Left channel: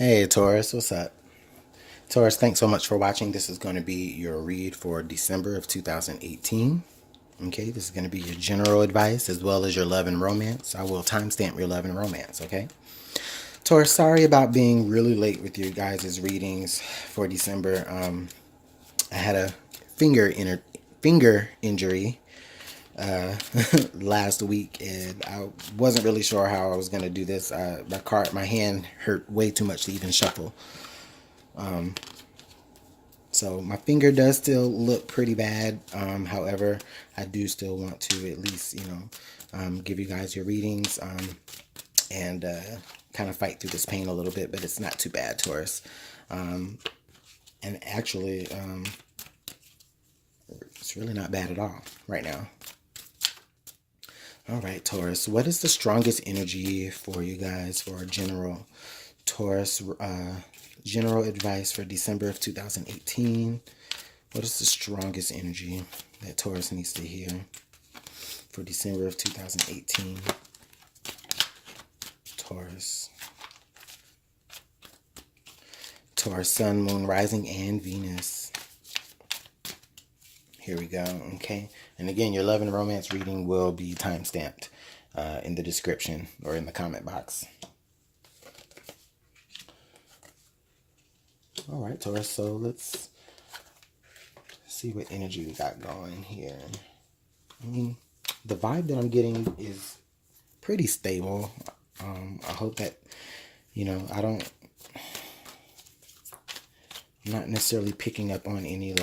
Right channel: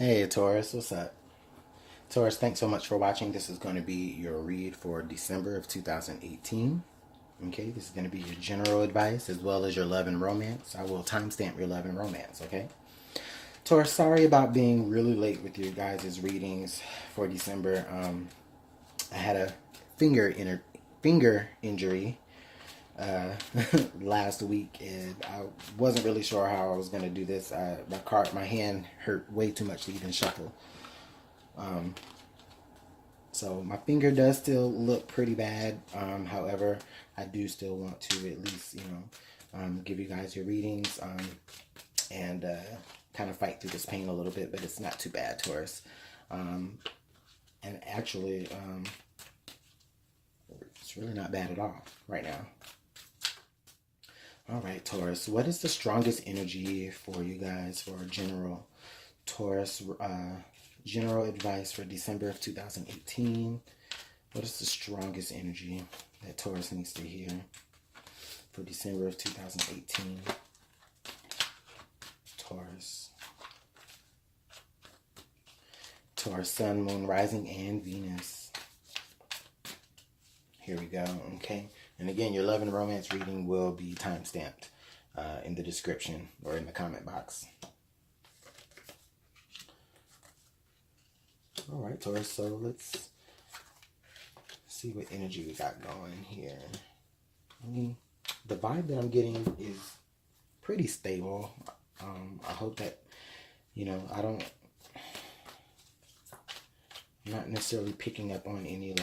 Hey Taurus, what's up? Taurus, thanks so much for watching. This is going to be your read for December of 2018. Okay, this is going to be your general advice as well as your love and romance. I will timestamp your love and romance, okay? Taurus, sorry about being really late with your guys' readings for December. I had a finger injury last week, and I wasn't really sure how I was going to do this. My hand hurt way too much to even shuffle. So my finger does still look pretty bad. However, I do still want to at least, give you guys your readings and kind of fight through this pain a little bit, but it's not too bad, Taurus. And actually, it's really not bad at all right now. All right, Taurus, what is the strongest energy for you guys for general Taurus general advice for December of 2018? What is the strongest energy that Taurus needs to hear for December of 2018? Taurus. Taurus, Sun, Moon, Rising, and Venus. Here we go, okay? And again, your love and romance reading will be timestamped in the description or in the comment box. All right, Taurus, so let's see what energy we got going here. I mean, the vibe that I'm getting is pretty stable. I hope that, I'm not necessarily picking up on any,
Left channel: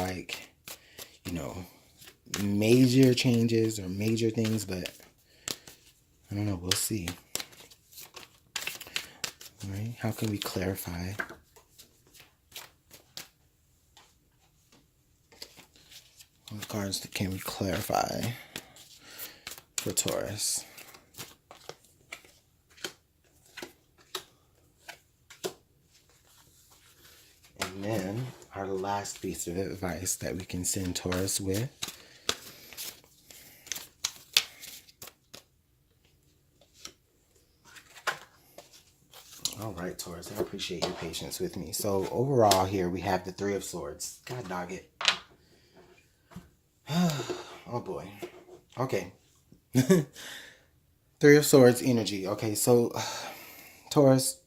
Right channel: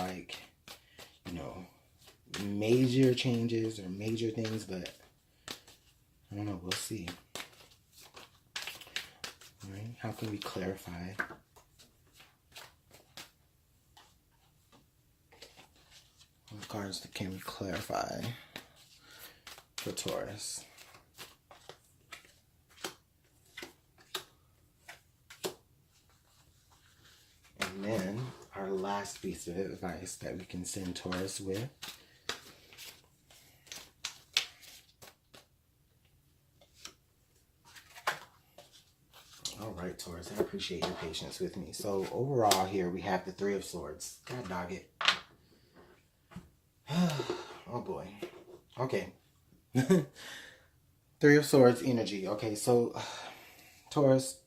major changes or major things, but I don't know, we'll see. All right, how can we clarify? What cards can we clarify for Taurus? And then our last piece of advice that we can send Taurus with. All right, Taurus, I appreciate your patience with me. So overall here we have the Three of Swords. God dog it. Oh boy. Okay. Three of Swords energy. Okay, so Taurus,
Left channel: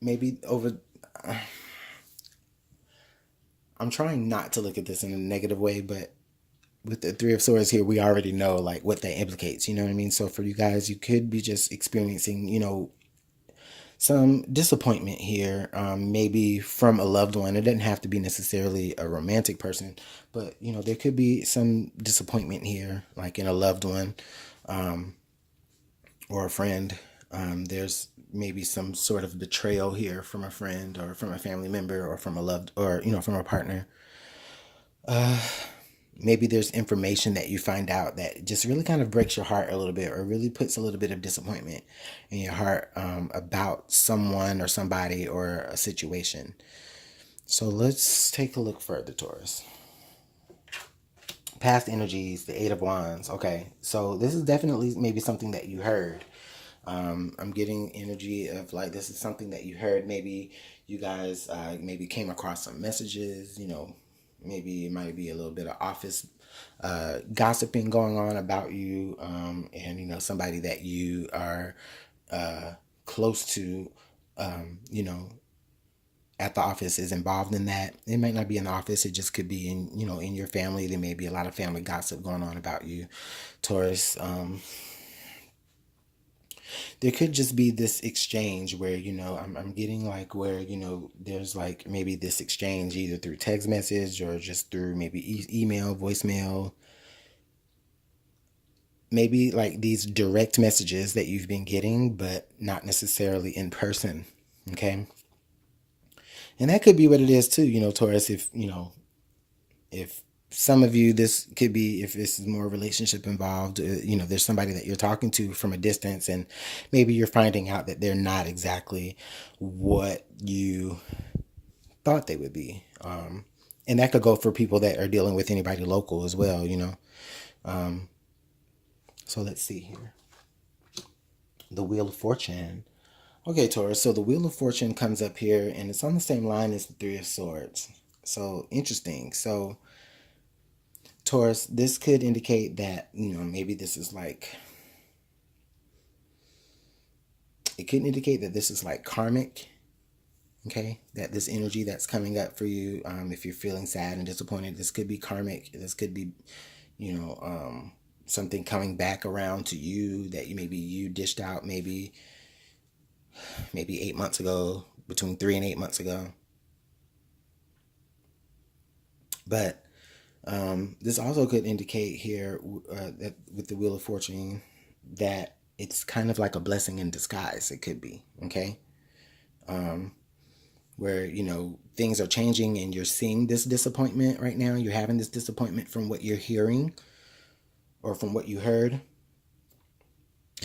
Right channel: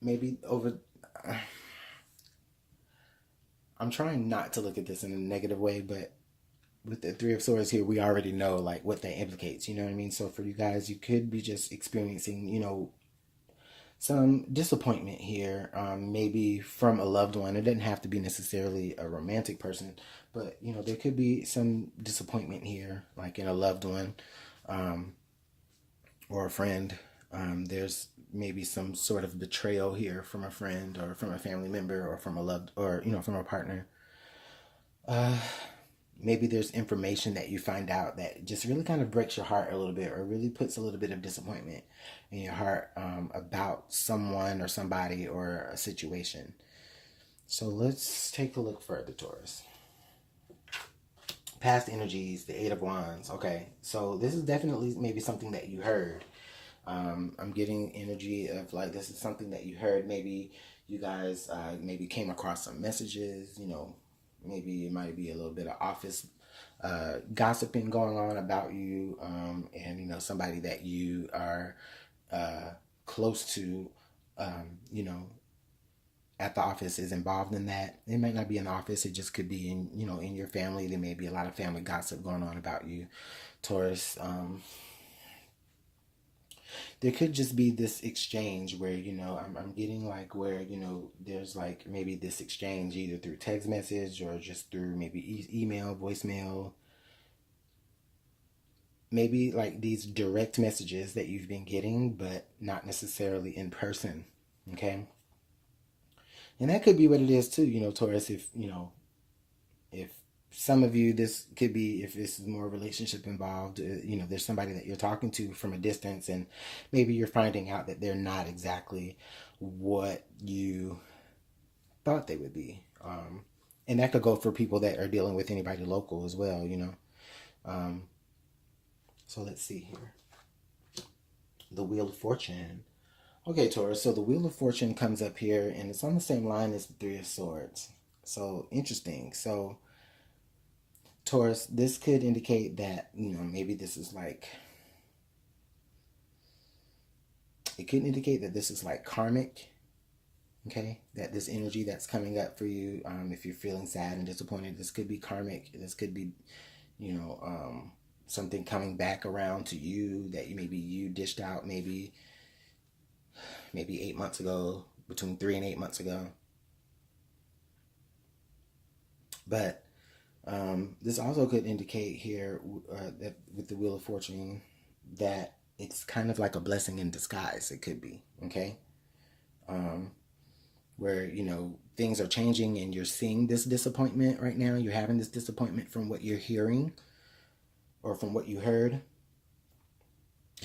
maybe over... I'm trying not to look at this in a negative way, but with the Three of Swords here, we already know like what that implicates. You know what I mean? So for you guys, you could be just experiencing, some disappointment here, maybe from a loved one. It doesn't have to be necessarily a romantic person, but there could be some disappointment here, like in a loved one, or a friend. There's maybe some sort of betrayal here from a friend or from a family member or from a loved, or from a partner. Maybe there's information that you find out that just really kind of breaks your heart a little bit, or really puts a little bit of disappointment in your heart about someone or somebody or a situation. So let's take a look further, Taurus. Past energies, the Eight of Wands. Okay, so this is definitely maybe something that you heard. I'm getting energy of like this is something that you heard. Maybe you guys maybe came across some messages, maybe it might be a little bit of office gossiping going on about you, and somebody that you are close to, at the office is involved in that. It might not be in the office. It just could be in your family. There may be a lot of family gossip going on about you, Taurus. There could just be this exchange where I'm getting like where there's like maybe this exchange either through text message or just through maybe email, voicemail, maybe like these direct messages that you've been getting but not necessarily in person. Okay, and that could be what it is too, Taurus. If some of you, this could be, if this is more relationship involved, there's somebody that you're talking to from a distance, and maybe you're finding out that they're not exactly what you thought they would be. And that could go for people that are dealing with anybody local as well. So let's see here. The Wheel of Fortune. Okay, Taurus, so the Wheel of Fortune comes up here and it's on the same line as the Three of Swords. So interesting. So Taurus, this could indicate that, maybe this is like, it could indicate that this is like karmic, okay? That this energy that's coming up for you, if you're feeling sad and disappointed, this could be karmic. This could be, something coming back around to you that you dished out maybe 8 months ago, between 3 and 8 months ago. But this also could indicate here that with the Wheel of Fortune that it's kind of like a blessing in disguise. It could be, okay? Where, things are changing and you're seeing this disappointment right now. You're having this disappointment from what you're hearing or from what you heard.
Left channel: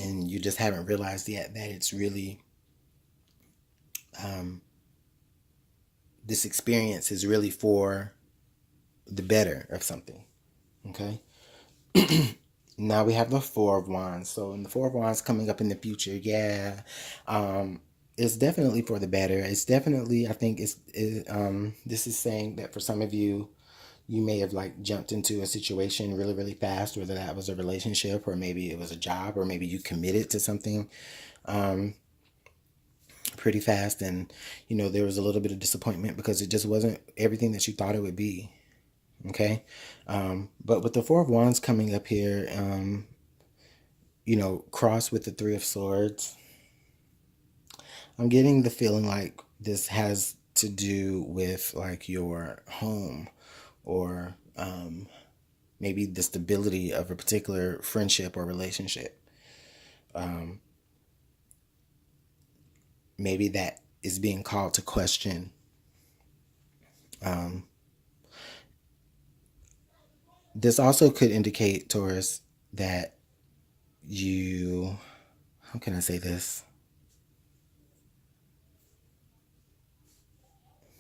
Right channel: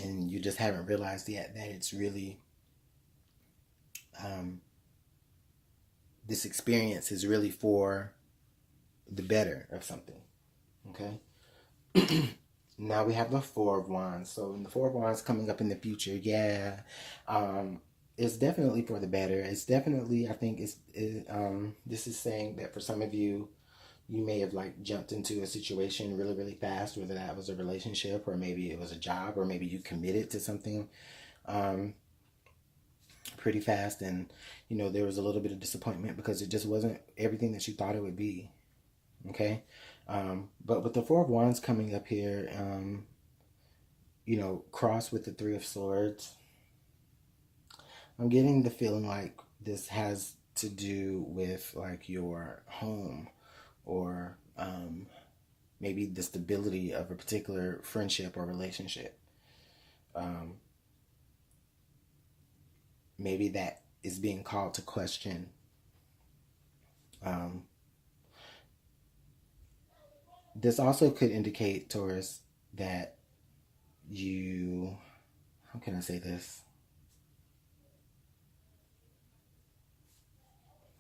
And you just haven't realized yet that it's really, this experience is really for the better of something, okay? Now we have the Four of Wands. So in the Four of Wands coming up in the future, yeah, it's definitely for the better. It's definitely, I think this is saying that for some of you, you may have like jumped into a situation really, really fast, whether that was a relationship or maybe it was a job or maybe you committed to something pretty fast, and there was a little bit of disappointment because it just wasn't everything that you thought it would be. Okay, but with the Four of Wands coming up here, cross with the Three of Swords, I'm getting the feeling like this has to do with like your home or maybe the stability of a particular friendship or relationship. Maybe that is being called to question. This also could indicate, Taurus, that how can I say this?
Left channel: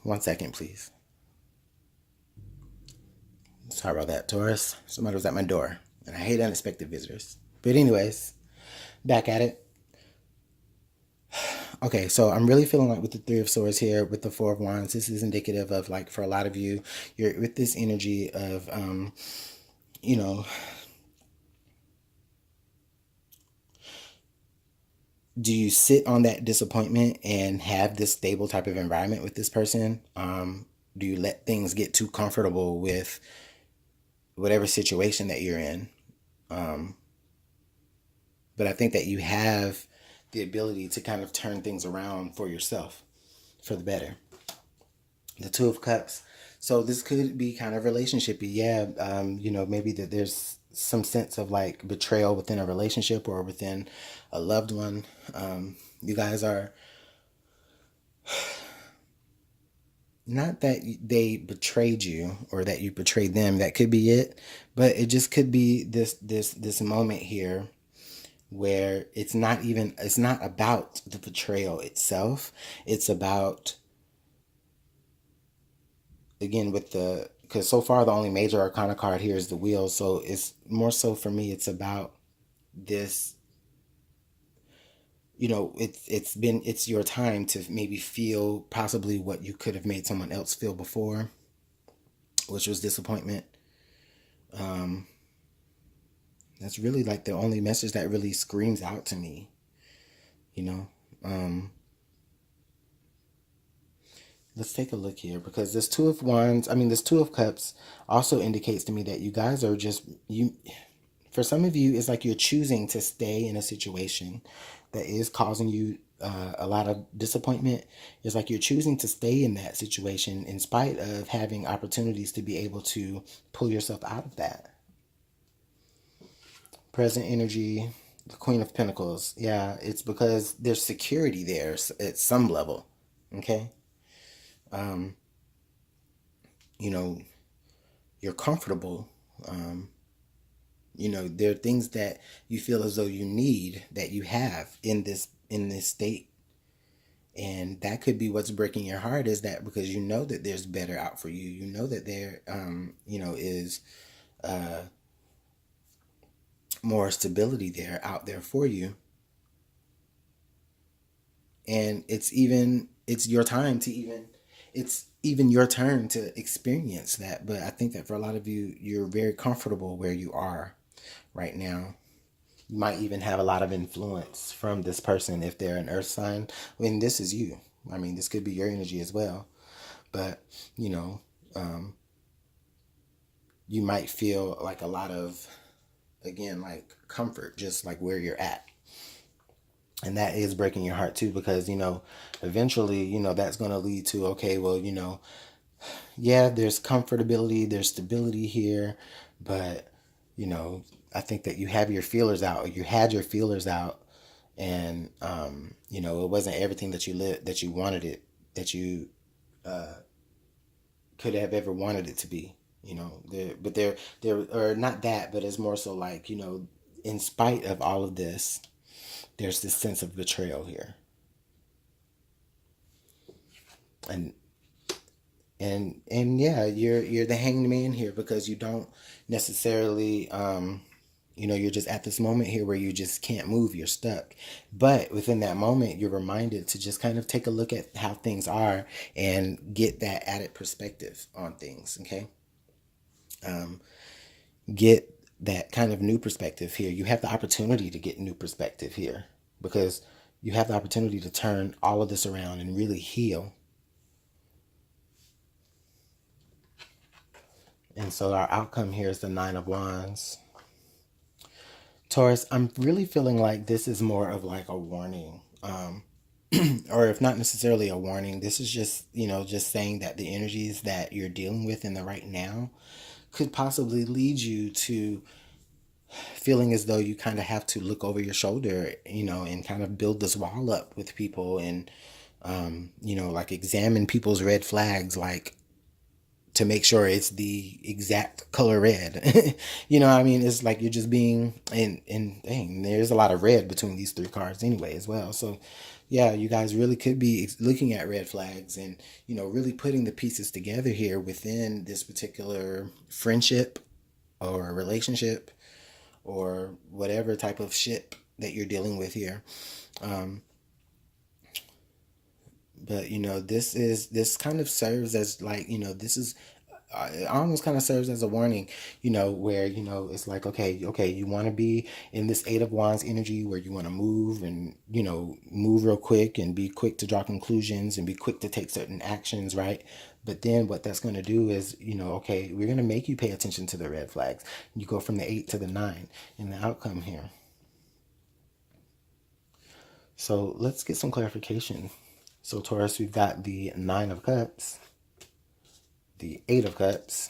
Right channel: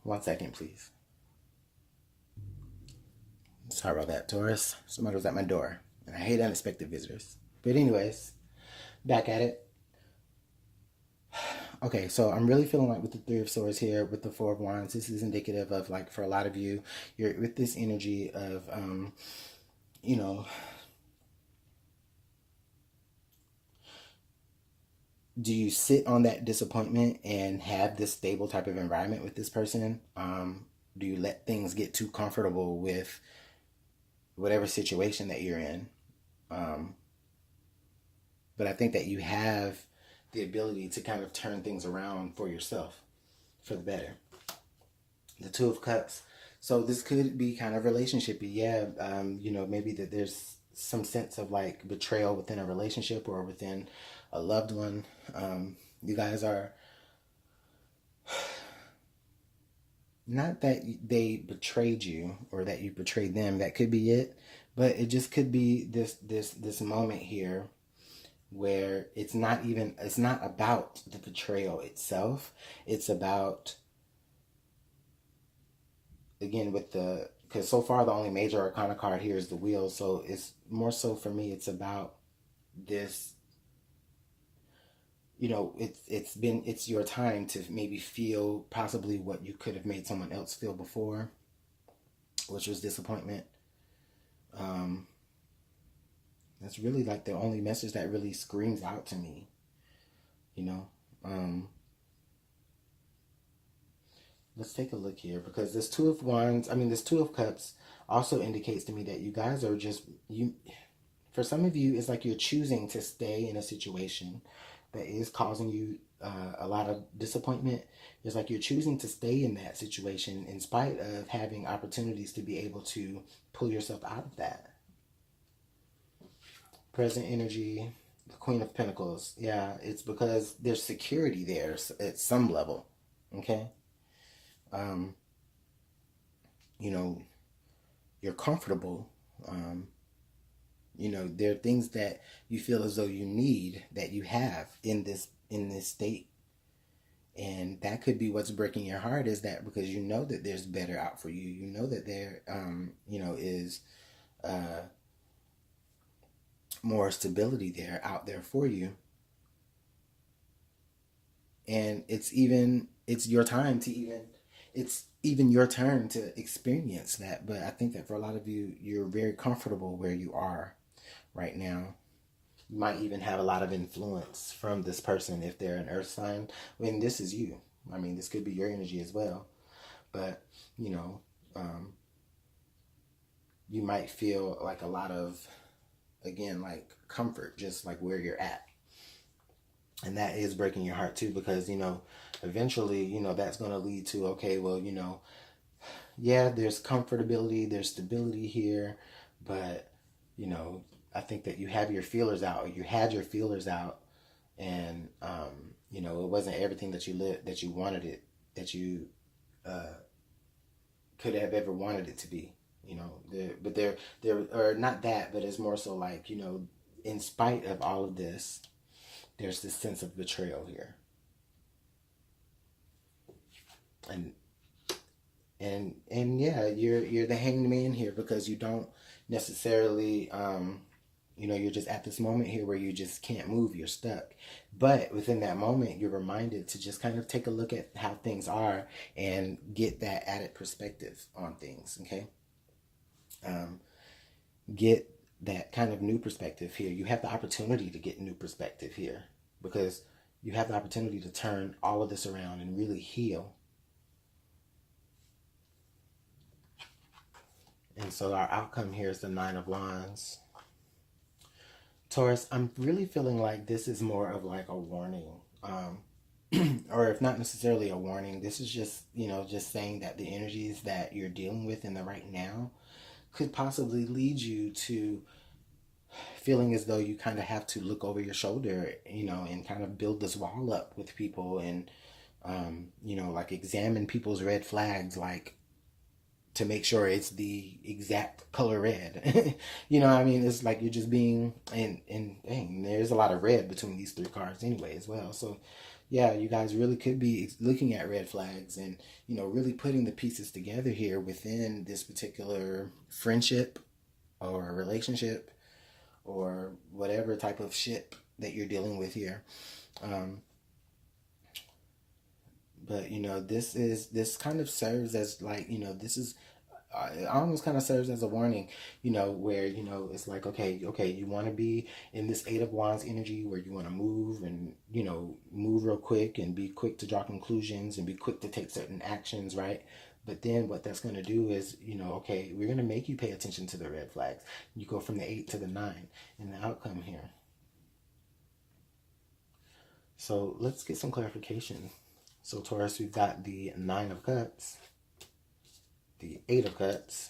One second, please. Sorry about that, Taurus. Somebody was at my door, and I hate unexpected visitors. But anyways, back at it. Okay, so I'm really feeling like with the Three of Swords here, with the Four of Wands, this is indicative of like for a lot of you, you're with this energy of, do you sit on that disappointment and have this stable type of environment with this person? Do you let things get too comfortable with whatever situation that you're in? But I think that you have the ability to kind of turn things around for yourself for the better. The Two of Cups. So this could be kind of relationshipy. Yeah, maybe that there's some sense of like betrayal within a relationship or within a loved one. You guys are, not that they betrayed you or that you betrayed them. That could be it, but it just could be this moment here where it's not about the betrayal itself. It's about, again, because so far the only major arcana card here is the Wheel, so it's more so for me, it's about this, it's your time to maybe feel possibly what you could have made someone else feel before, which was disappointment. That's really like the only message that really screams out to me, let's take a look here, because this Two of Cups also indicates to me that you guys are for some of you, it's like you're choosing to stay in a situation that is causing you a lot of disappointment. It's like you're choosing to stay in that situation in spite of having opportunities to be able to pull yourself out of that. Present energy, the Queen of Pentacles. Yeah, it's because there's security there at some level. Okay? You're comfortable. There are things that you feel as though you need that you have in this state. And that could be what's breaking your heart, is that because you know that there's better out for you. You know that there, is more stability out there for you. And it's your time to it's even your turn to experience that. But I think that for a lot of you, you're very comfortable where you are right now. You might even have a lot of influence from this person if they're an earth sign. And this is you. I mean, this could be your energy as well. But, you know, you might feel like a lot of, again, like comfort, just like where you're at. And that is breaking your heart too, because, eventually, that's going to lead to, okay, well, yeah, there's comfortability, there's stability here, but, I think that you have your feelers out, you had your feelers out, and, it wasn't everything that you wanted it, that you could have ever wanted it to be, but there, or not that, but it's more so like, in spite of all of this, there's this sense of betrayal here. And yeah, you're the hanged man here, because you don't necessarily you're just at this moment here where you just can't move, you're stuck. But within that moment, you're reminded to just kind of take a look at how things are and get that added perspective on things. Okay. Get that kind of new perspective here. You have the opportunity to get new perspective here, because you have the opportunity to turn all of this around and really heal. And so our outcome here is the Nine of Wands. Taurus, I'm really feeling like this is more of like a warning. Or if not necessarily a warning, this is just, just saying that the energies that you're dealing with in the right now could possibly lead you to feeling as though you kind of have to look over your shoulder, and kind of build this wall up with people, and, like examine people's red flags, like to make sure it's the exact color red. I mean? It's like you're just being, and dang, there's a lot of red between these three cards anyway as well. So yeah, you guys really could be looking at red flags and, really putting the pieces together here within this particular friendship or relationship or whatever type of ship that you're dealing with here. But this kind of serves as like, this is it almost kind of serves as a warning, where, it's like, okay, you want to be in this Eight of Wands energy where you want to move and, move real quick and be quick to draw conclusions and be quick to take certain actions, right? But then what that's going to do is, okay, we're going to make you pay attention to the red flags. You go from the 8 to the 9 in the outcome here. So let's get some clarification. So Taurus, we've got the 9 of Cups, the 8 of Cups,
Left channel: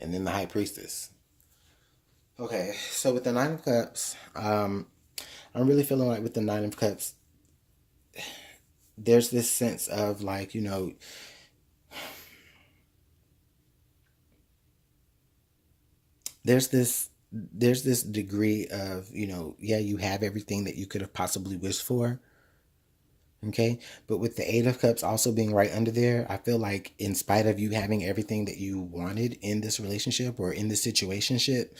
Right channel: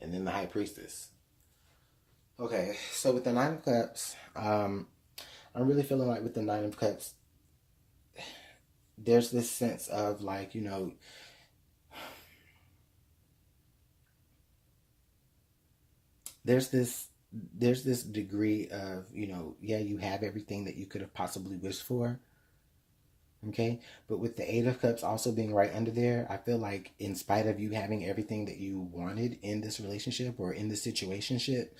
and then the High Priestess. Okay, so with the 9 of Cups, I'm really feeling like with the 9 of Cups, there's this sense of like, there's this degree of, yeah, you have everything that you could have possibly wished for. Okay, but with the 8 of Cups also being right under there, I feel like in spite of you having everything that you wanted in this relationship or in this situationship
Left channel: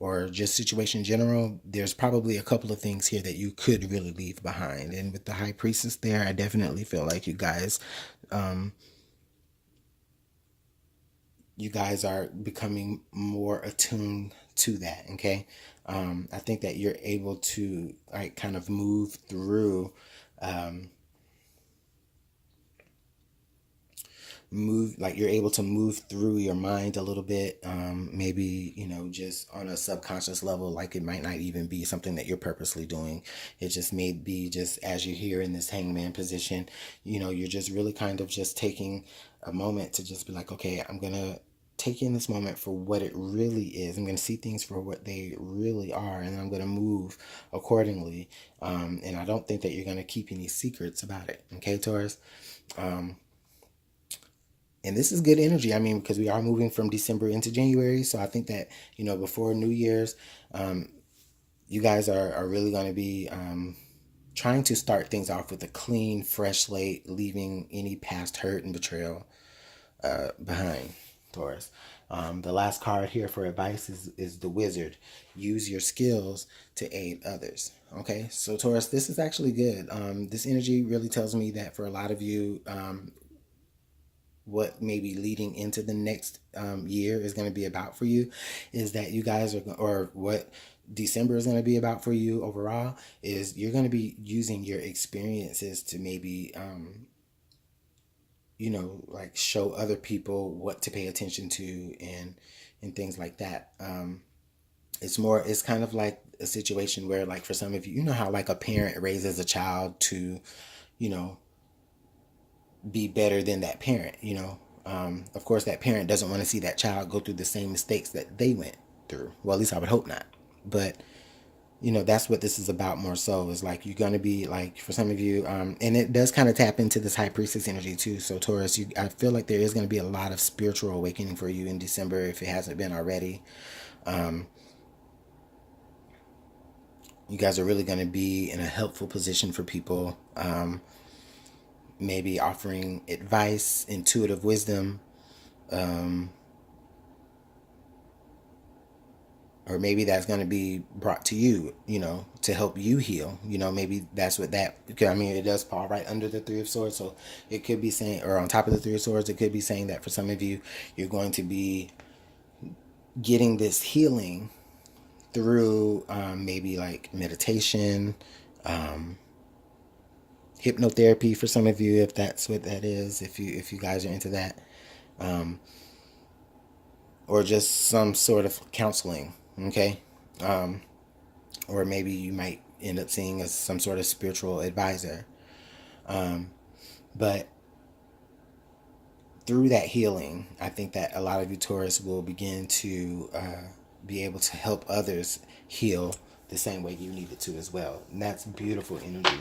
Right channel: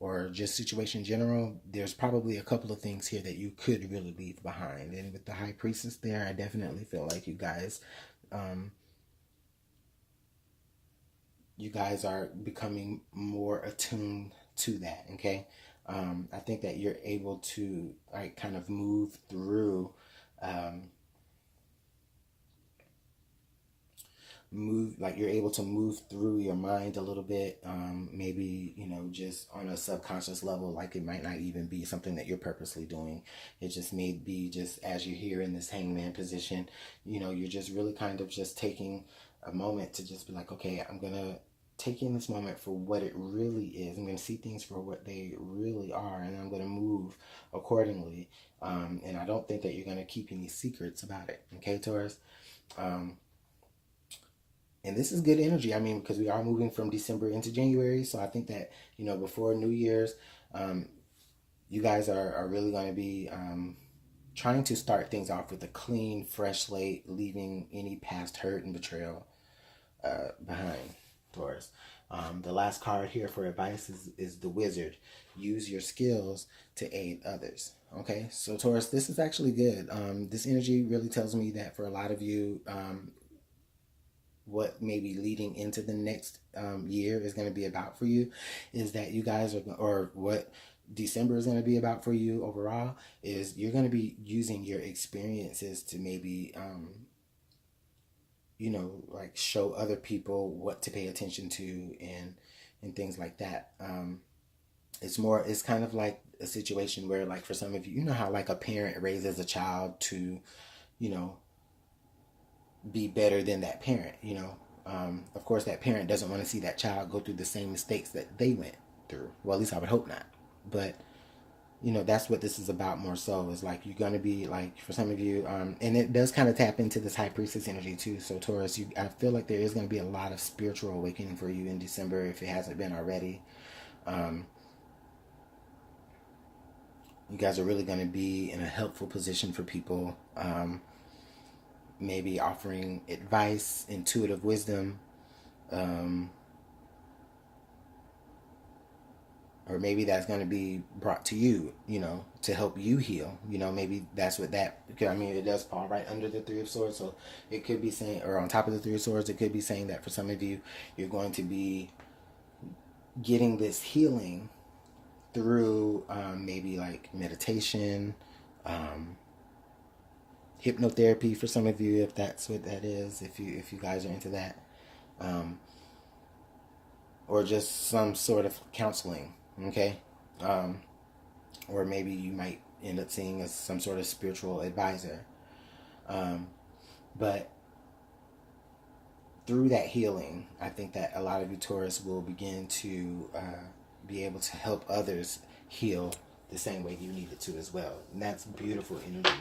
or just situation in general, there's probably a couple of things here that you could really leave behind. And with the High Priestess there, I definitely feel like you guys are becoming more attuned to that. Okay, I think that you're able to like kind of move through you're able to move through your mind a little bit, maybe just on a subconscious level, like it might not even be something that you're purposely doing. It just may be just as you're here in this hangman position, you're just really kind of just taking a moment to just be like, okay, I'm gonna take in this moment for what it really is. I'm gonna see things for what they really are, and I'm gonna move accordingly. And I don't think that you're gonna keep any secrets about it. Okay, Taurus. And this is good energy. I mean, because we are moving from December into January. So I think that, before New Year's, you guys are really going to be trying to start things off with a clean, fresh slate, leaving any past hurt and betrayal behind, Taurus. The last card here for advice is the Wizard. Use your skills to aid others. Okay, so Taurus, this is actually good. This energy really tells me that for a lot of you, what maybe leading into the next year is going to be about for you is that you guys are, or what December is going to be about for you overall, is you're going to be using your experiences to maybe, like show other people what to pay attention to and things like that. It's kind of like a situation where, like, for some of you, you know how like a parent raises a child to, you know, be better than that parent, of course that parent doesn't want to see that child go through the same mistakes that they went through. Well, at least I would hope not. But that's what this is about more so, is like you're going to be like, for some of you, and it does kind of tap into this high priestess energy too. So Taurus, I feel like there is going to be a lot of spiritual awakening for you in December if it hasn't been already. You guys are really going to be in a helpful position for people, maybe offering advice, intuitive wisdom, or maybe that's going to be brought to you, to help you heal. Maybe that's what that, I mean, it does fall right under the Three of Swords. So it could be saying, or on top of the Three of Swords, it could be saying that for some of you, you're going to be getting this healing through maybe like meditation, hypnotherapy for some of you, if that's what that is, if you guys are into that, or just some sort of counseling, okay, or maybe you might end up seeing as some sort of spiritual advisor, but through that healing, I think that a lot of you Taurus will begin to be able to help others heal the same way you needed to as well. And that's beautiful energy.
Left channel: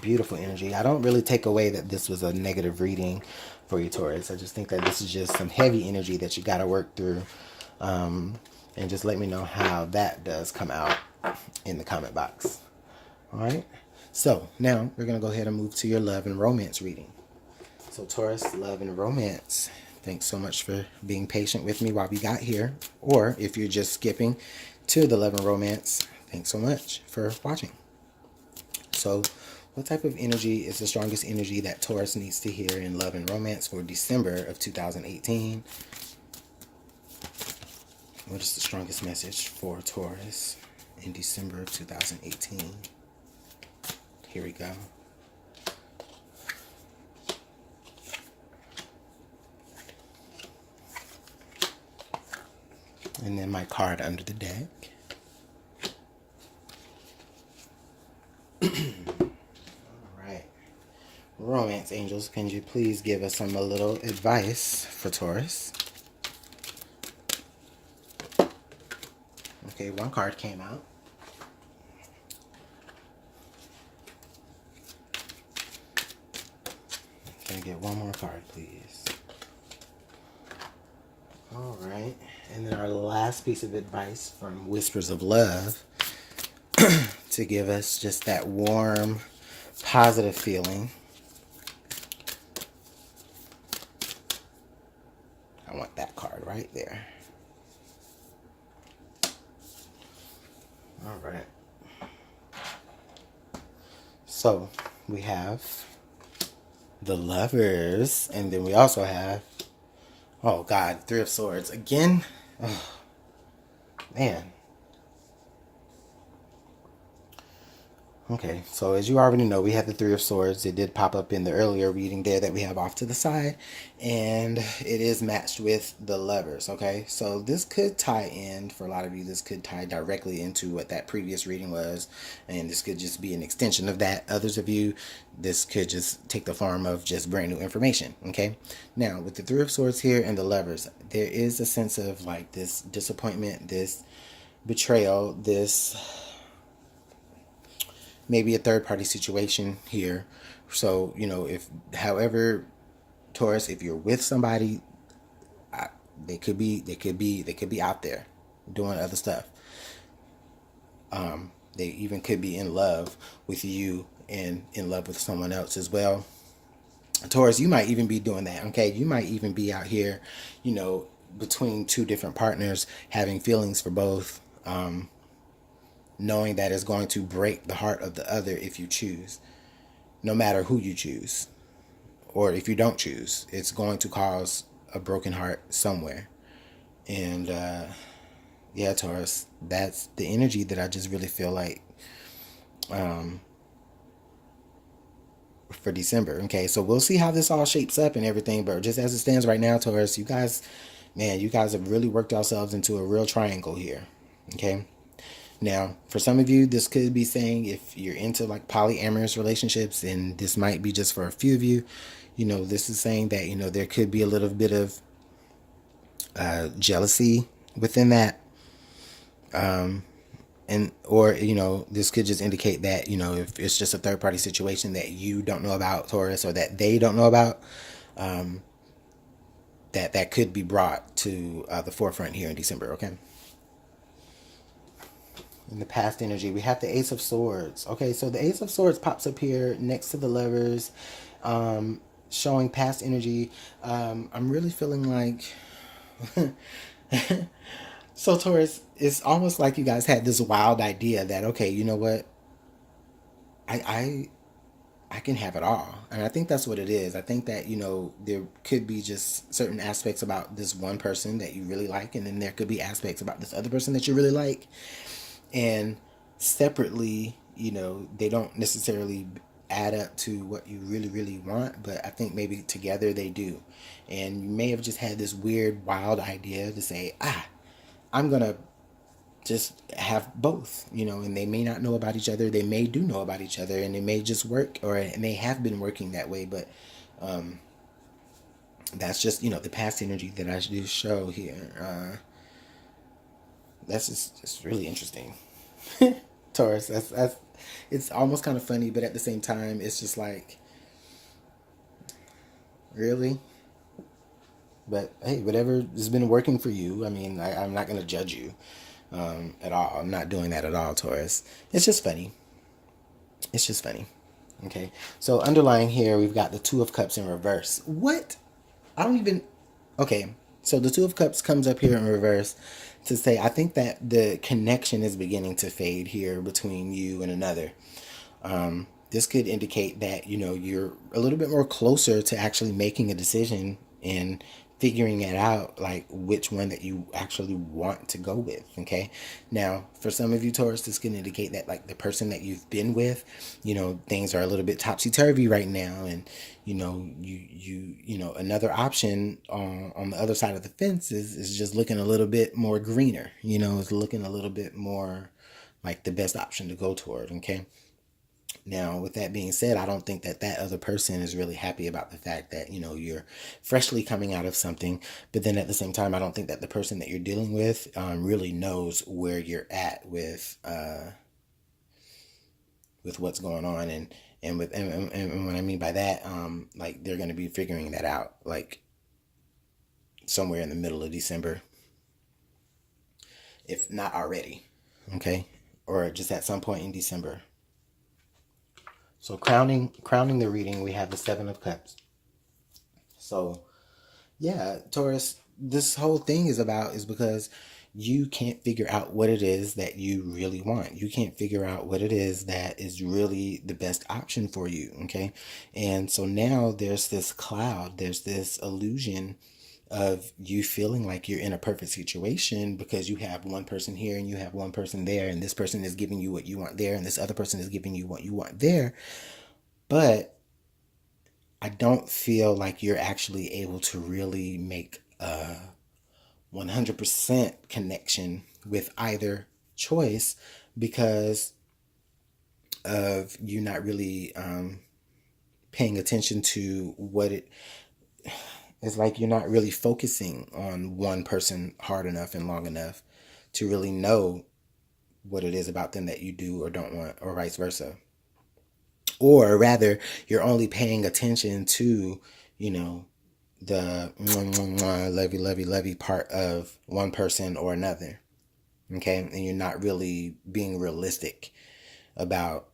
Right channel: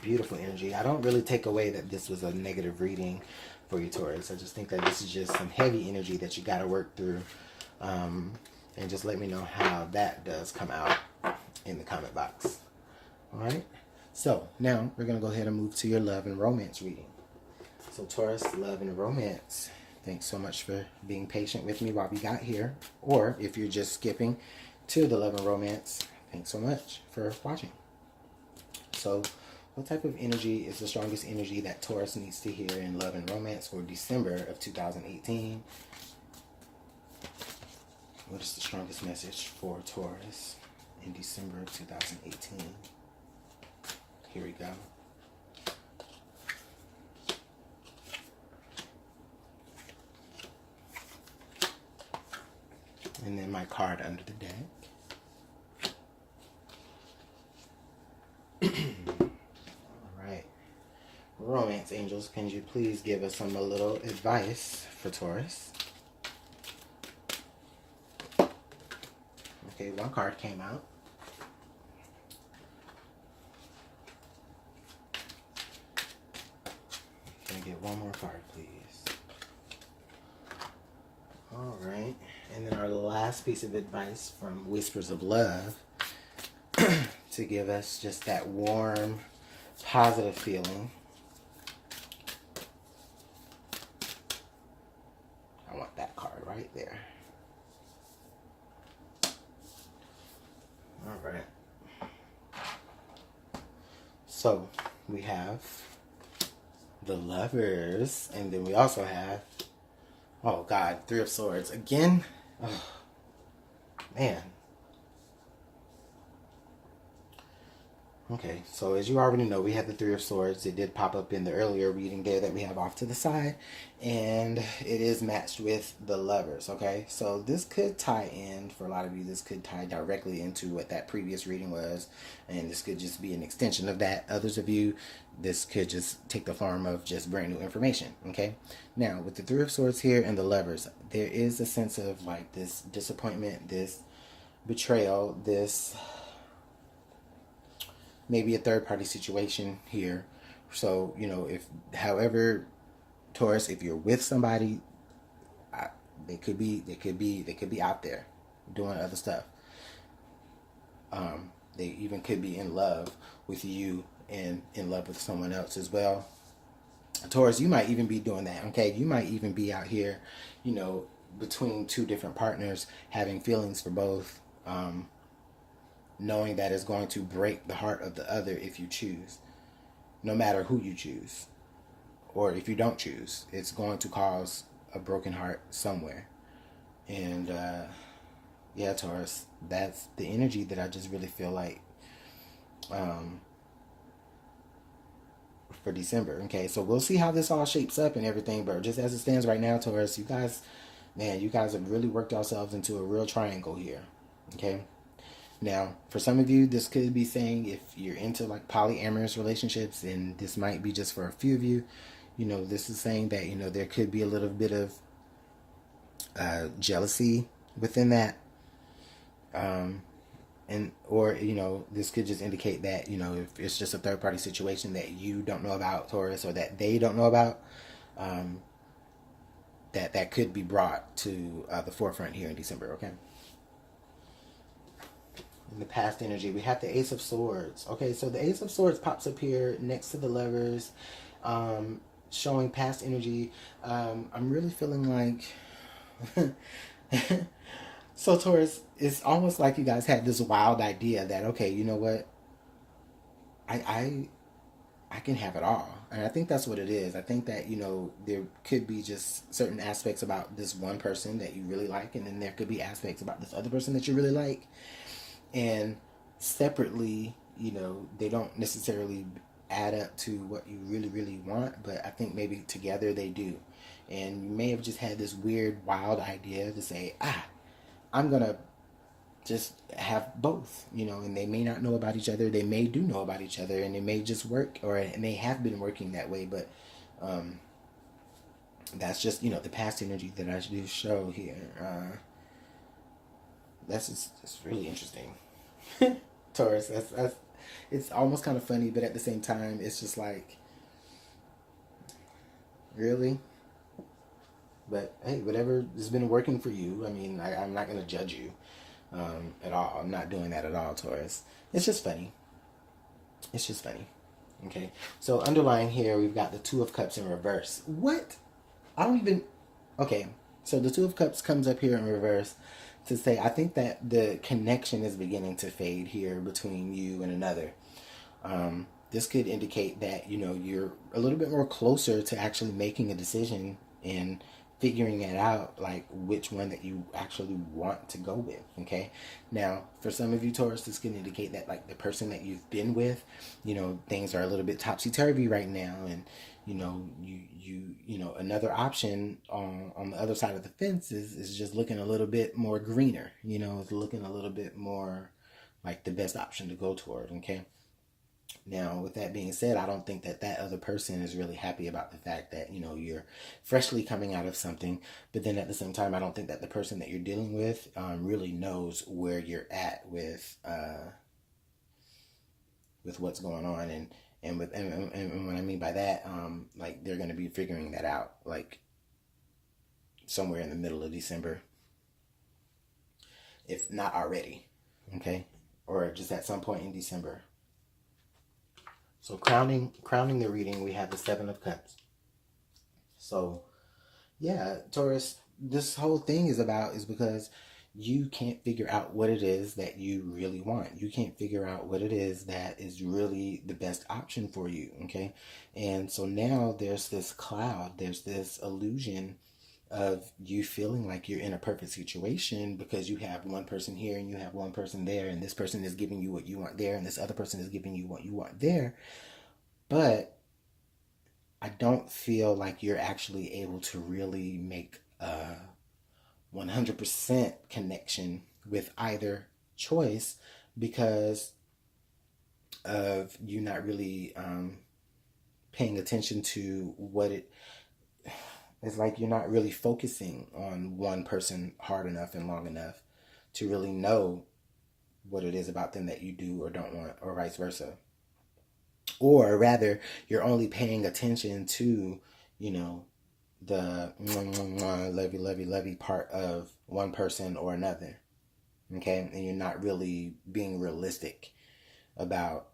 Beautiful energy. I don't really take away that this was a negative reading for you Taurus. I just think that this is just some heavy energy that you got to work through. And just let me know how that does come out in the comment box. All right. So now we're going to go ahead and move to your love and romance reading. So Taurus, love and romance. Thanks so much for being patient with me while we got here. Or if you're just skipping to the love and romance, thanks so much for watching. So what type of energy is the strongest energy that Taurus needs to hear in love and romance for December of 2018? What is the strongest message for Taurus in December of 2018? Here we go. And then my card under the deck. All right. Romance angels, can you please give us a little advice for Taurus? Okay, one card came out. Can I get one more card, please? All right. And then our last piece of advice from Whispers of Love to give us just that warm, positive feeling. I want that card right there. All right. So we have the Lovers, and then we also have, oh God, Three of Swords again. Oh, man. Okay, so as you already know, we have the Three of Swords. It did pop up in the earlier reading there that we have off to the side. And it is matched with the Lovers, okay? So this could tie in, for a lot of you, this could tie directly into what that previous reading was. And this could just be an extension of that. Others of you, this could just take the form of just brand new information, okay? Now, with the Three of Swords here and the Lovers, there is a sense of like this disappointment, this betrayal, this maybe a third-party situation here. So, however, Taurus, if you're with somebody, they could be out there doing other stuff. They even could be in love with you and in love with someone else as well. Taurus, you might even be doing that, okay? You might even be out here, between two different partners, having feelings for both. knowing that it's going to break the heart of the other if you choose, no matter who you choose. Or if you don't choose, it's going to cause a broken heart somewhere. And yeah, Taurus, that's the energy that I just really feel like um, for December. Okay, so we'll see how this all shapes up and everything. But just as it stands right now, Taurus, you guys, man, you guys have really worked yourselves into a real triangle here. Okay. Now, for some of you, this could be saying if you're into like polyamorous relationships, and this might be just for a few of you, this is saying that, there could be a little bit of jealousy within that. And or this could just indicate that if it's just a third party situation that you don't know about, Taurus, or that they don't know about, that could be brought to the forefront here in December. Okay. In the past energy, we have the Ace of Swords. Okay, so the Ace of Swords pops up here next to the Lovers, showing past energy. I'm really feeling like so Taurus, it's almost like you guys had this wild idea that, okay, you know what, I I can have it all. And I think that's what it is. I think that, there could be just certain aspects about this one person that you really like, and then there could be aspects about this other person that you really like. And separately, they don't necessarily add up to what you really, really want, but I think maybe together they do. And you may have just had this weird, wild idea to say, I'm going to just have both, and they may not know about each other. They may do know about each other, and it may just work, or it may have been working that way. But that's just, the past energy that I do show here. That's just really interesting. Taurus, that's it's almost kind of funny, but at the same time, it's just like, really? But hey, whatever has been working for you, I mean, I'm not going to judge you at all. I'm not doing that at all, Taurus. It's just funny. It's just funny. Okay. So underlying here, we've got the Two of Cups in reverse. What? I don't even. Okay. So the Two of Cups comes up here in reverse to say, I think that the connection is beginning to fade here between you and another. This could indicate that, you're a little bit more closer to actually making a decision and figuring it out, like which one that you actually want to go with. Okay. Now, for some of you, Taurus, this can indicate that like the person that you've been with, things are a little bit topsy-turvy right now. And, another option on the other side of the fence is just looking a little bit more greener, it's looking a little bit more like the best option to go toward. Okay. Now, with that being said, I don't think that that other person is really happy about the fact that, you're freshly coming out of something. But then at the same time, I don't think that the person that you're dealing with really knows where you're at with what's going on. And what I mean by that, like they're going to be figuring that out, like somewhere in the middle of December, if not already. Okay. Or just at some point in December. So crowning the reading, we have the Seven of Cups. So, yeah, Taurus, this whole thing is because you can't figure out what it is that you really want. You can't figure out what it is that is really the best option for you, okay? And so now there's this cloud, there's this illusion of you feeling like you're in a perfect situation because you have one person here and you have one person there, and this person is giving you what you want there, and this other person is giving you what you want there. But I don't feel like you're actually able to really make a 100% connection with either choice because of you not really paying attention to what it's like. You're not really focusing on one person hard enough and long enough to really know what it is about them that you do or don't want, or vice versa. Or rather, you're only paying attention to, the lovey part of one person or another. Okay. And you're not really being realistic about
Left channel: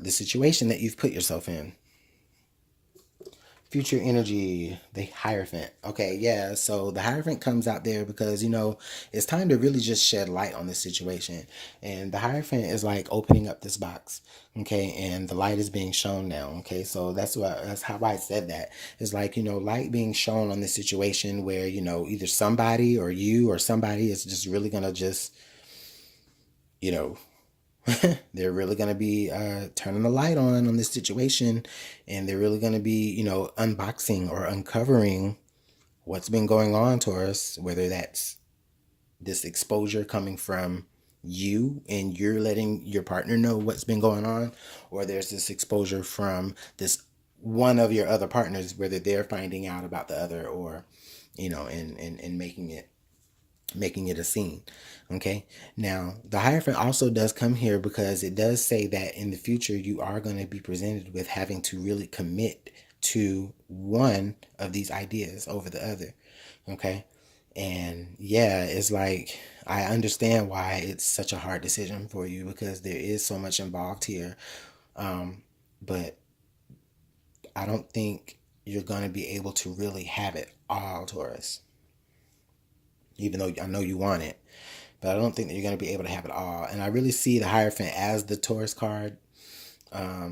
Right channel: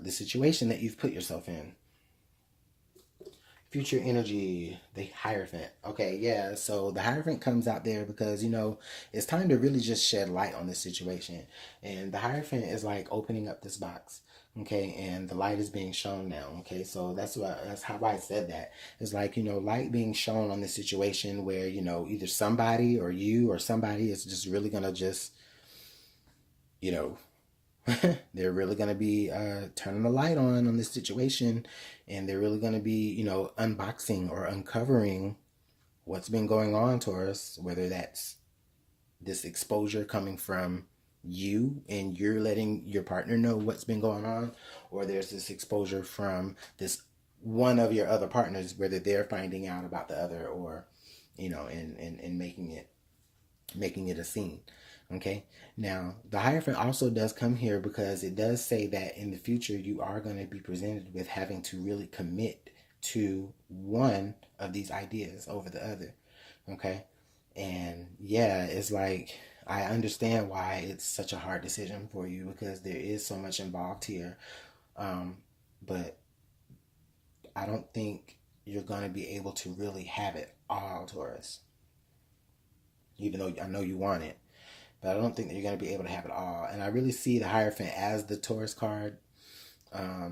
the situation that you've put yourself in. Future energy, the Hierophant. Okay, yeah, so the Hierophant comes out there because, it's time to really just shed light on this situation. And the Hierophant is like opening up this box, okay, and the light is being shown now, okay, so that's how I said that. It's like, light being shown on this situation where, either somebody or you or somebody is just really gonna just, you know, they're really going to be turning the light on this situation, and they're really going to be unboxing or uncovering what's been going on, Taurus, whether that's this exposure coming from you and you're letting your partner know what's been going on, or there's this exposure from this one of your other partners, whether they're finding out about the other, or and making it a scene. Okay, now the Hierophant also does come here because it does say that in the future you are going to be presented with having to really commit to one of these ideas over the other. Okay, and yeah, it's like I understand why it's such a hard decision for you, because there is so much involved here. But I don't think you're going to be able to really have it all, Taurus, even though I know you want it. But I don't think that you're going to be able to have it all. And I really see the Hierophant as the Taurus card. I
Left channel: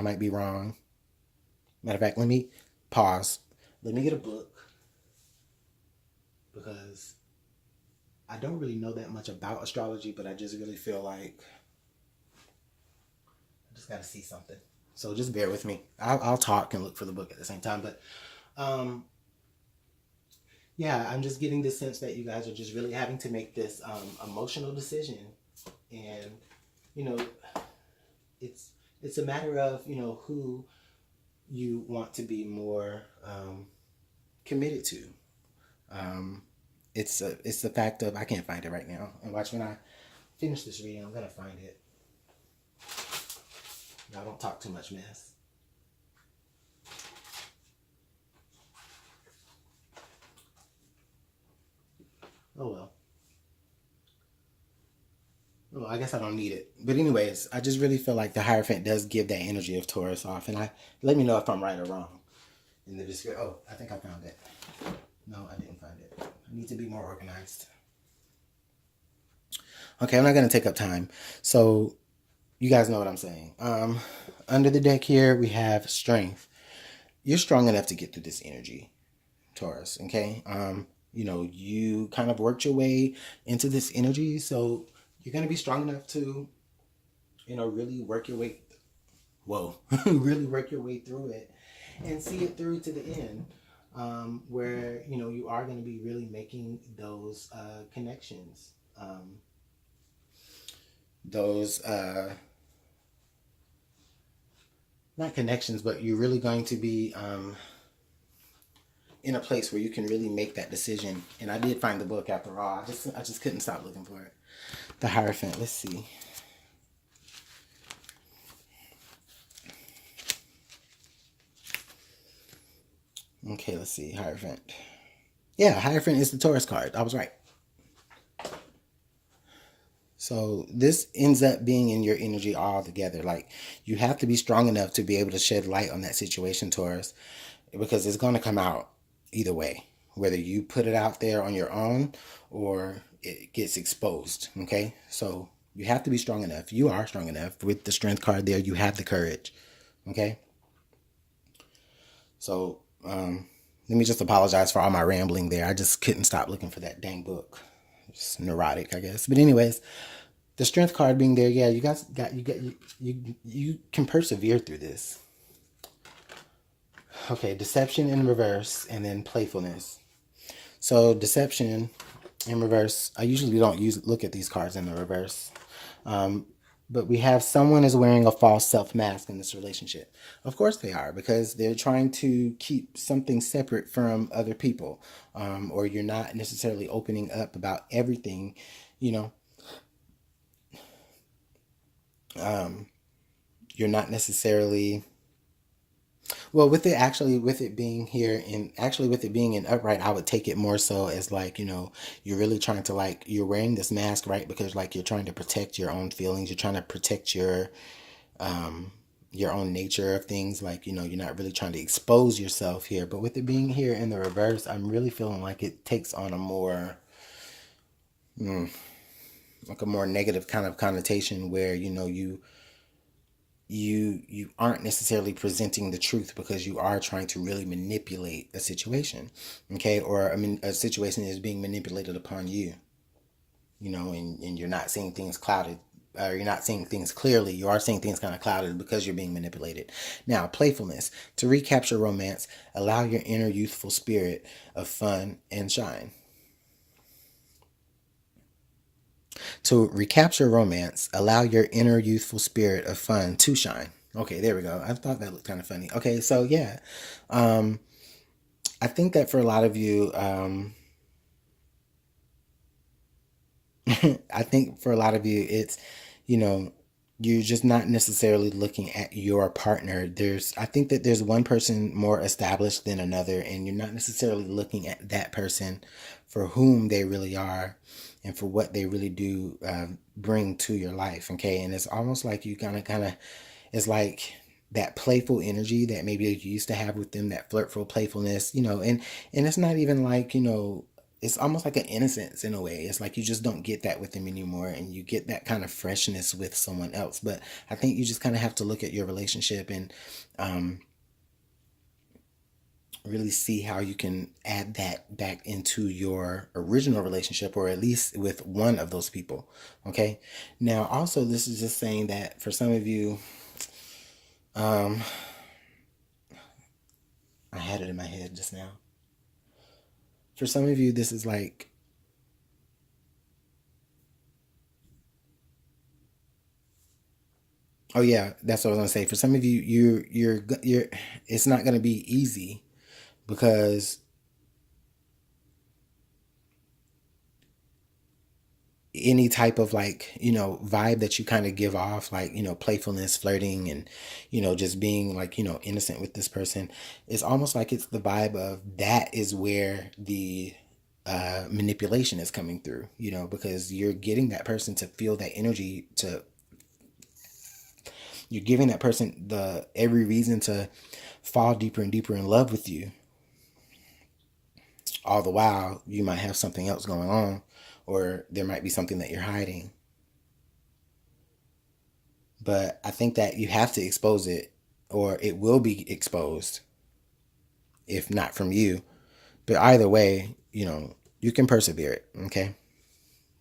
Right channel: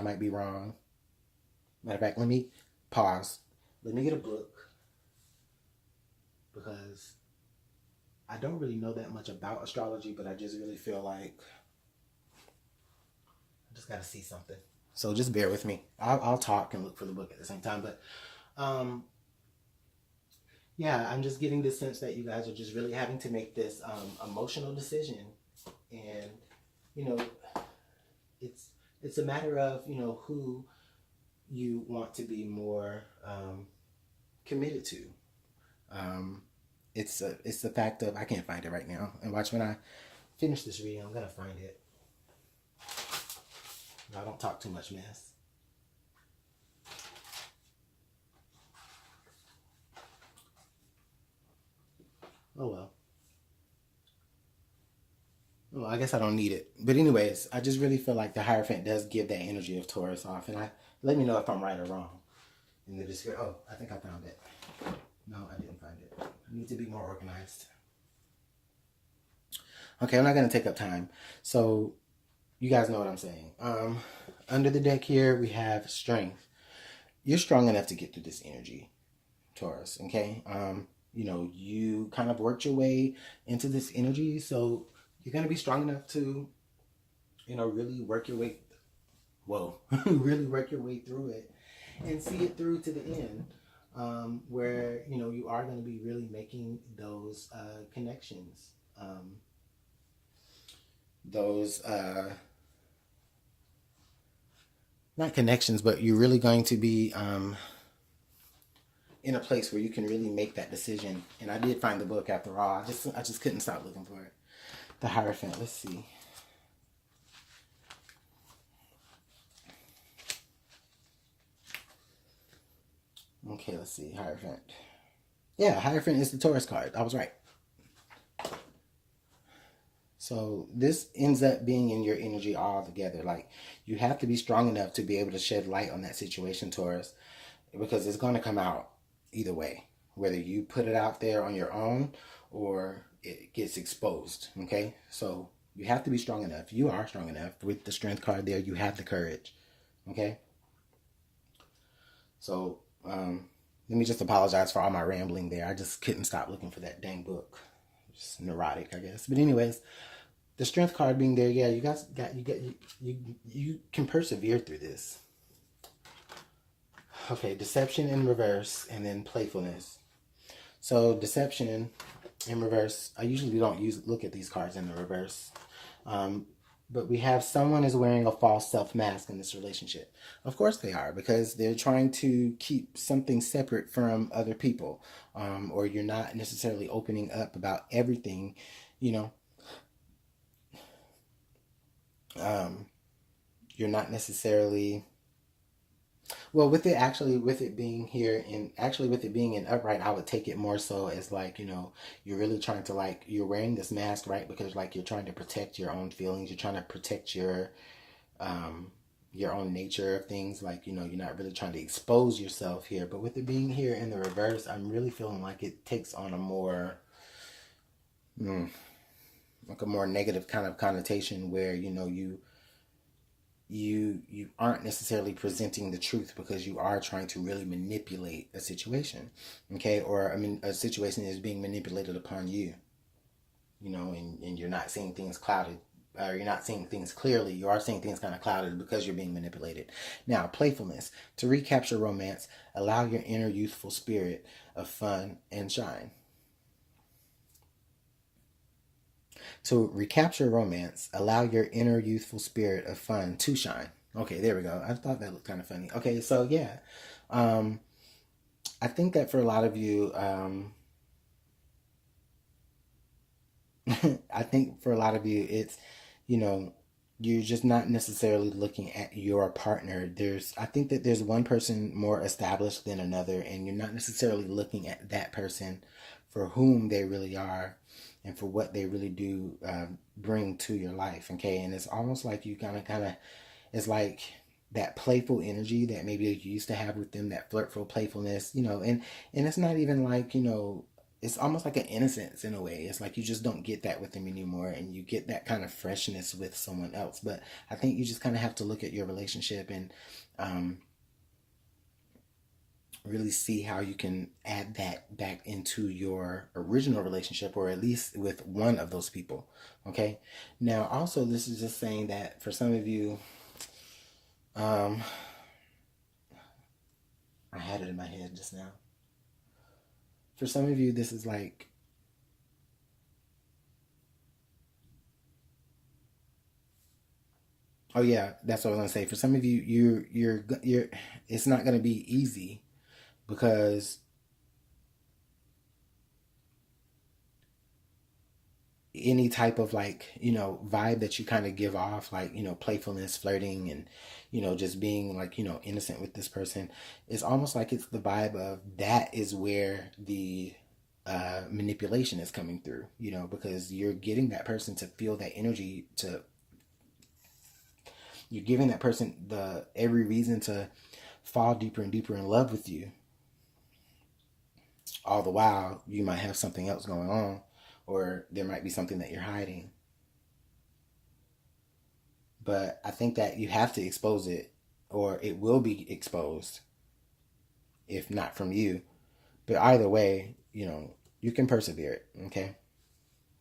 might be wrong. Matter of fact, let me pause. Let me get a book, because I don't really know that much about astrology, but I just really feel like I just got to see something. So just bear with me. I'll talk and look for the book at the same time. But yeah, I'm just getting the sense that you guys are just really having to make this emotional decision, and it's a matter of who you want to be more committed to. It's the fact of, I can't find it right now, and watch, when I finish this reading, I'm gonna find it. I don't talk too much mess. Oh well. Well, I guess I don't need it. But anyways, I just really feel like the Hierophant does give that energy of Taurus off. And let me know if I'm right or wrong in the description. Oh, I think I found it. No, I didn't find it. I need to be more organized. Okay, I'm not going to take up time. So you guys know what I'm saying. Under the deck here, we have Strength. You're strong enough to get through this energy, Taurus, okay? You kind of worked your way into this energy, so you're going to be strong enough to, really work your way, really work your way through it and see it through to the end, where, you are going to be really making those connections, those, not connections, but you're really going to be in a place where you can really make that decision. And I did find the book after all. I just couldn't stop looking for it. The Hierophant. Let's see. Okay, let's see. Hierophant. Yeah, Hierophant is the Taurus card. I was right. So this ends up being in your energy all together. Like, you have to be strong enough to be able to shed light on that situation, Taurus, because it's going to come out either way, whether you put it out there on your own or it gets exposed. Okay, so you have to be strong enough. You are strong enough. With the Strength card there, you have the courage. Okay, so let me just apologize for all my rambling there. I just couldn't stop looking for that dang book. Just neurotic, I guess. But anyways, the Strength card being there, yeah, you can persevere through this. Okay, Deception in reverse, and then Playfulness. So Deception in reverse, I usually don't look at these cards in the reverse. But we have someone is wearing a false self-mask in this relationship. Of course they are, because they're trying to keep something separate from other people. Or you're not necessarily opening up about everything, you're not necessarily... Well, with it being here, and actually with it being in upright, I would take it more so as like, you're really trying to, like, you're wearing this mask, right? Because, like, you're trying to protect your own feelings. You're trying to protect your, your own nature of things. Like, you're not really trying to expose yourself here. But with it being here in the reverse, I'm really feeling like it takes on a more, like a more negative kind of connotation where, you aren't necessarily presenting the truth because you are trying to really manipulate a situation. Okay. Or, I mean, a situation is being manipulated upon you, and you're not seeing things clouded, or you're not seeing things clearly. You are seeing things kind of clouded because you're being manipulated. Now, playfulness. To recapture romance, allow your inner youthful spirit of fun and shine. To recapture romance, allow your inner youthful spirit of fun to shine. Okay, there we go. I thought that looked kind of funny. Okay, so yeah. Um, I think that for a lot of you, I think for a lot of you, it's, you know, you're just not necessarily looking at your partner. I think that there's one person more established than another, and you're not necessarily looking at that person for whom they really are and for what they really do bring to your life. Okay. And it's almost like you it's like that playful energy that maybe you used to have with them, that flirtful playfulness, and it's not even like, it's almost like an innocence in a way. It's like you just don't get that with them anymore, and you get that kind of freshness with someone else. But I think you just kind of have to look at your relationship and really see how you can add that back into your original relationship, or at least with one of those people. Okay. Now, also, this is just saying that for some of you, um, I had it in my head just now. For some of you, this is like, oh yeah, that's what I was gonna say. For some of you, you're it's not gonna be easy because any type of, like, vibe that you kind of give off, like, playfulness, flirting, and just being like, innocent with this person, it's almost like it's the vibe of that is where the manipulation is coming through, because you're getting that person to feel that energy, to you're giving that person the every reason to fall deeper and deeper in love with you. All the while, you might have something else going on, or there might be something that you're hiding. But I think that you have to expose it, or it will be exposed, if not from you. But either way, you can persevere it. Okay,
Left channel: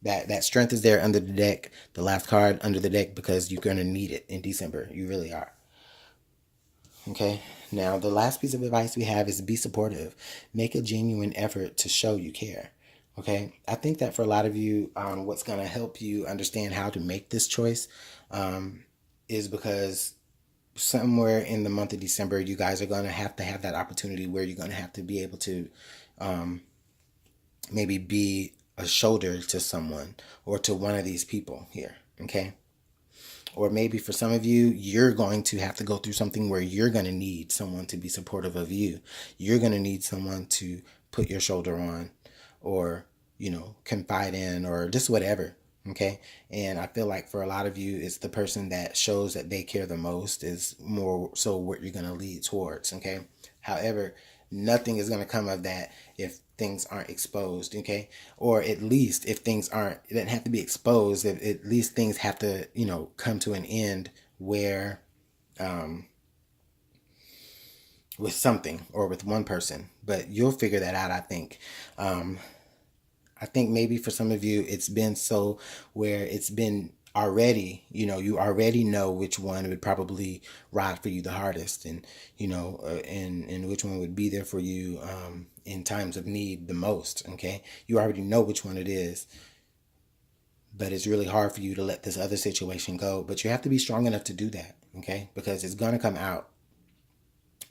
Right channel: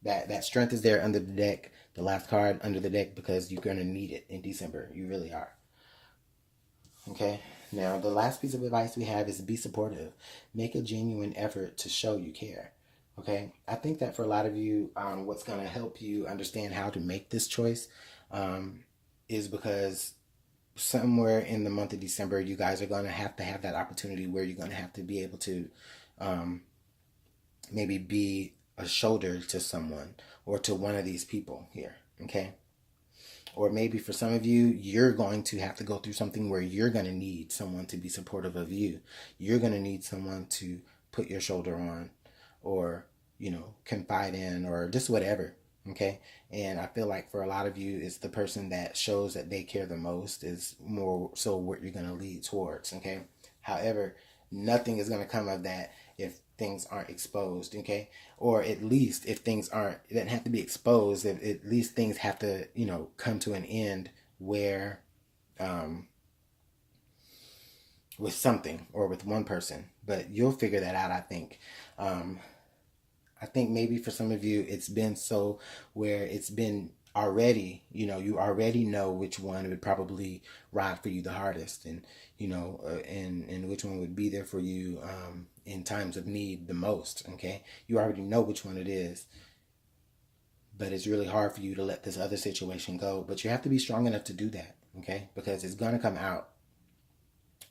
that strength is there under the deck, the last card under the deck, because you're gonna need it in December. You really are. Okay. Now, the last piece of advice we have is be supportive. Make a genuine effort to show you care. Okay. I think that for a lot of you, what's going to help you understand how to make this choice is because somewhere in the month of December, you guys are going to have that opportunity where you're going to have to be able to maybe be a shoulder to someone or to one of these people here. Okay. Or maybe for some of you, you're going to have to go through something where you're going to need someone to be supportive of you. You're going to need someone to put your shoulder on, or, confide in, or just whatever. Okay. And I feel like for a lot of you, it's the person that shows that they care the most is more so what you're going to lead towards. Okay. However, nothing is going to come of that if things aren't exposed. Okay. Or at least if things aren't, it doesn't have to be exposed. At least things have to, come to an end where, with something or with one person, but you'll figure that out. I think maybe for some of you, it's been so where it's been already, you already know which one would probably ride for you the hardest, and, and which one would be there for you in times of need the most. Okay. You already know which one it is, but it's really hard for you to let this other situation go. But you have to be strong enough to do that. Okay. Because it's going to come out.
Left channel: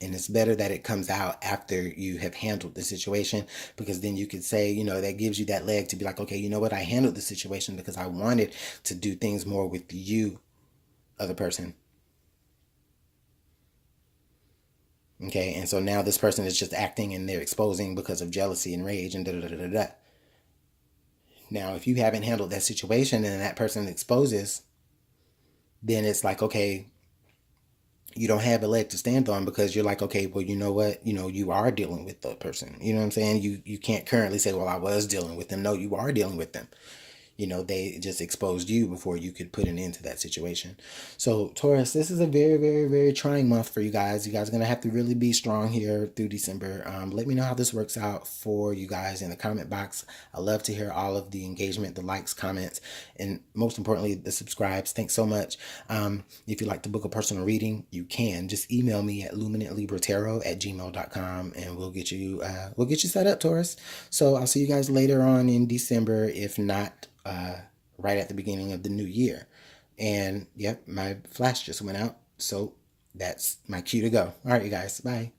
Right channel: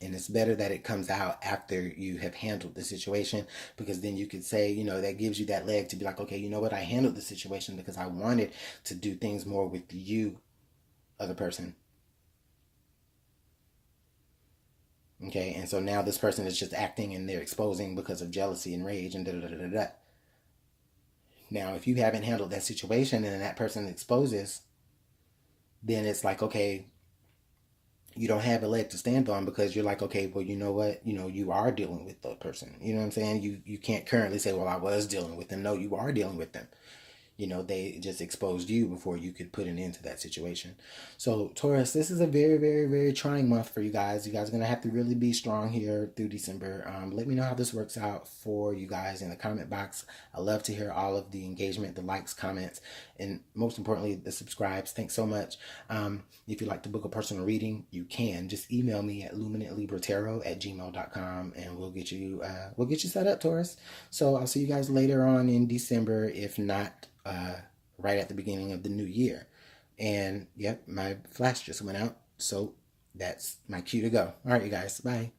And it's better that it comes out after you have handled the situation, because then you could say, that gives you that leg to be like, okay, you know what? I handled the situation because I wanted to do things more with you, other person. Okay. And so now this person is just acting and they're exposing because of jealousy and rage and da da da da da. Now, if you haven't handled that situation and that person exposes, then it's like, okay, you don't have a leg to stand on, because you're like, okay, well, you know what, you are dealing with the person. You know what I'm saying? You can't currently say, well, I was dealing with them. No, you are dealing with them. They just exposed you before you could put an end to that situation. So, Taurus, this is a very, very, very trying month for you guys. You guys are going to have to really be strong here through December. Let me know how this works out for you guys in the comment box. I love to hear all of the engagement, the likes, comments, and most importantly, the subscribes. Thanks so much. If you'd like to book a personal reading, you can. Just email me at LuminantLibraTarot@gmail.com, and we'll get you set up, Taurus. So I'll see you guys later on in December, if not right at the beginning of the new year. And yep, my flash just went out, so that's my cue to go. All right, you guys, bye.